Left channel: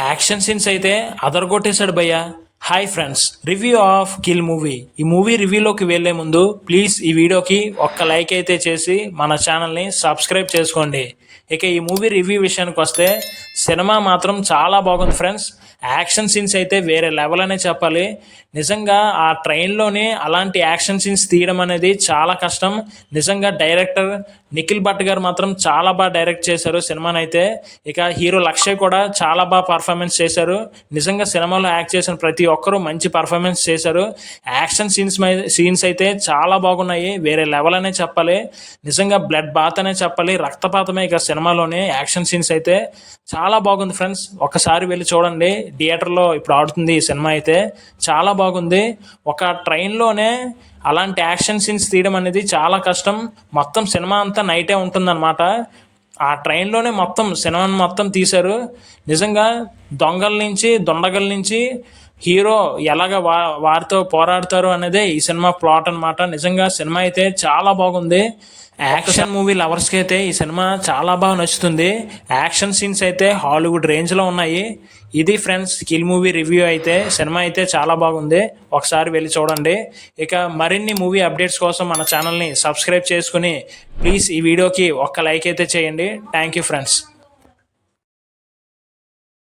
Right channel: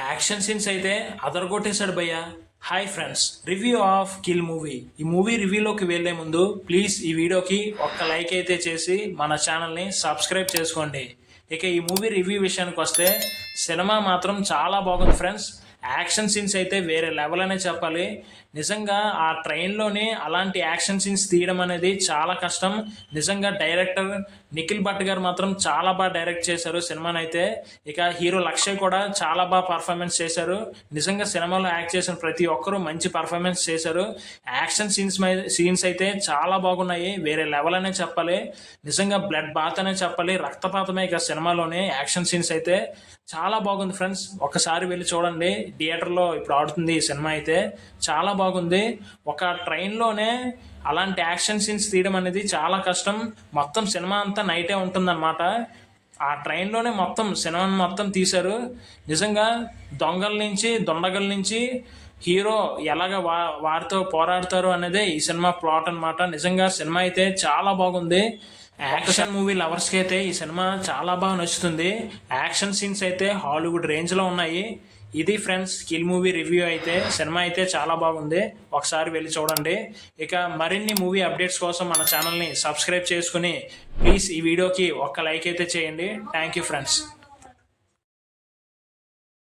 Action scenes అయితే అదరగొట్టేశాడు భయ్య. Hi friends, review of kill movie. ఈ మూవీ రివ్యూలోకి వెళ్లే ముందు ప్లీజ్ ఈ వీడియోకి ఒక్క లైక్ అయితే చేసి మన ఛానల్ని సబ్స్క్రైబ్ చేసుకోండి. ఇక ఈ మూవీ రివ్యూ విషయానికి వస్తే సినిమా మాత్రం చాలా బాగుంది ఫ్రెండ్స్. యాక్షన్ సీన్స్ అయితే వేరే లెవెల్ అనే చెప్పాలి. నిజంగా ఆ ట్రైన్లోనే అలాంటి యాక్షన్ సీన్స్ తీయడం అనేది చాలా కష్టం. నిజంగా డైరెక్టర్ నిఖిల్ భట్ గారు మాత్రం చాలా బాగా డైరెక్ట్ చేశారు సినిమాని అయితే. ఇక హీరో లక్ష్య కూడా చాలా బాగా పర్ఫార్మెన్స్ చేశారు. నిజంగా సినిమాలో యాక్ట్ చేసిన ప్రతి ఒక్కరూ మంచి పర్ఫార్మెన్స్ చేశారు. యాక్షన్ సీన్స్ అయితే చాలా బాగున్నాయి, వేరే లెవెల్ అనే చెప్పాలి. నిజంగా బ్లడ్ బాత్ అనే చెప్పాలి, రక్తపాతమే ఇక సినిమాలోనే. యాక్షన్ సీన్స్ అయితే చాలా బాగుంది ఫ్రెండ్స్, ఒక్కసారి వెళ్ళి చూడండి. థియేటర్లో ఇప్పుడు ఆడుతుంది ఈ సినిమా అయితే, చాలా బాగుంది. ఒక ట్రైన్లోనే అలాంటి యాక్షన్ సీన్స్ తీయడం అనేది చాలా కష్టం. మొత్తం సినిమా అంతా నైటే ఉంటుందన్నమాట. ఆ ట్రైన్లోనే మొత్తం సినిమాని మొత్తం తీశారు. నిజంగా దొంగల నుంచి దొండగల నుంచి హీరో ఎలాగ వారితో పోరాడతారు అనేదే ఈ సినిమా ప్లాట్ అనమాట. నిజంగా సినిమా అయితే చాలా బాగుంది. యాక్షన్ మూవీ లవర్స్కి అయితే ఈ సినిమా చాలా బాగా నచ్చుతుంది. యాక్షన్ సీన్స్ అయితే హాలీవుడ్ రేంజ్లో ఉన్నాయి. ఇది ఫ్రెండ్స్ కిల్ మూవీ రివ్యూ అయితే. సినిమా అయితే చాలా బాగుంది, ఒకసారి వెళ్ళి చూడండి. ఇక మరిన్ని మూవీ అప్డేట్స్ కోసం మన ఛానల్ని సబ్స్క్రైబ్ చేసుకుని ప్లీజ్ ఈ వీడియోకి ఒక్క లైక్ అయితే చేయండి. Thank you friends.